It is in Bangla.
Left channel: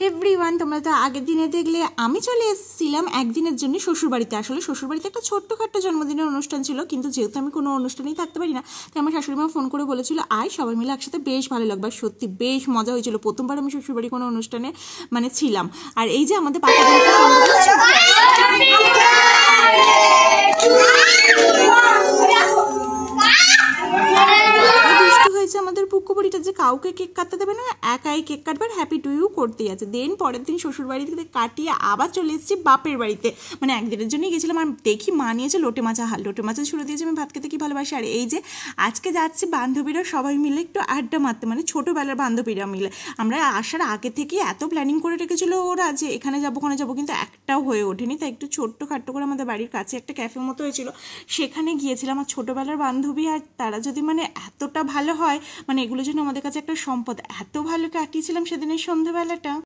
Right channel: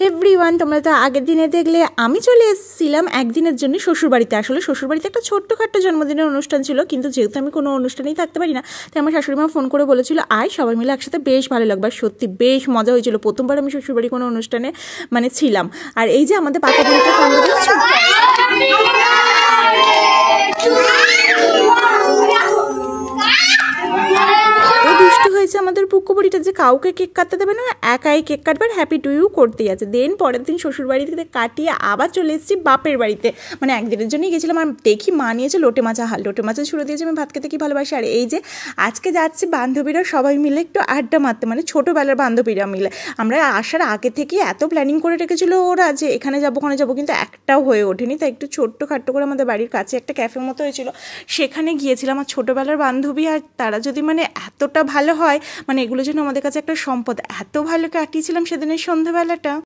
এভরিওয়ান, তোমরা তো আগের দিনে দেখলে আমি চলে এসেছিলাম একদিনের জন্য শ্বশুরবাড়িতে। আসলে শ্বশুরবাড়িতে একটা ছোট্টখাট্টো জন্মদিনের অনুষ্ঠান ছিল, কিন্তু যেহেতু আমি কোনো অনুষ্ঠানেই থাকতে পারি না, তাই আমার শাশুড়ি মা ফোন করে বলেছিল আয় সবাই মিলে একসাথে, বেশ ভালো লাগবে। আর সত্যি বেশ মজা হয়েছিল। প্রথমবার আমি শ্বশুরবাড়ি কোনো অনুষ্ঠানে মানে ছিলাম। আর এই যে আমাদের পাকা বোনটা দুষ্টু হয়েছে আমাদের পুকুবড়িটা, যে কাউকে কেক কাটতে দেবে না, একাই কেক কাটবার হ্যাপি টু ইউ করতেই আছে। দেন পরের দিন শ্বশুরবাড়িতে কাটিয়ে আবার চলে এসেছি বাপের বাড়িতে। মানে একদিনের জন্যই গেছিলাম। আর দেখি মা নিয়েছে লোটে মাছা হাল, লোটে মাছা ছুড়ে দিয়েছে। আমি ভাত খেতে কি ভালোবাসি। আর এই যে আজকে যাচ্ছি বান্ধবীরা সবাই মিলে একটু আড্ডা মারতে, মানে ছোটোবেলার বান্ধবীরা মিলে। আমরা আসার আগে থেকে এত প্ল্যানিং করে রেখেছিল ওরা যে এখানে যাবো ওখানে যাবো, কিন্তু একটাও হয়ে ওঠেনি। তাই একটু ছোট্ট খাট্টো করে আমাদের বাড়ির কাছে একটা ক্যাফে মতো হয়েছিল, সেখানে গিয়েছিলাম। আর ছোটোবেলার বান্ধবী, আর তারা যদি মানে এতটা ভালো হয়, মানে এগুলো যেন আমাদের কাছে একটা সম্পদ। এত ভালো কাটিয়েছিলাম সেদিনের সন্ধ্যাবেলাটা।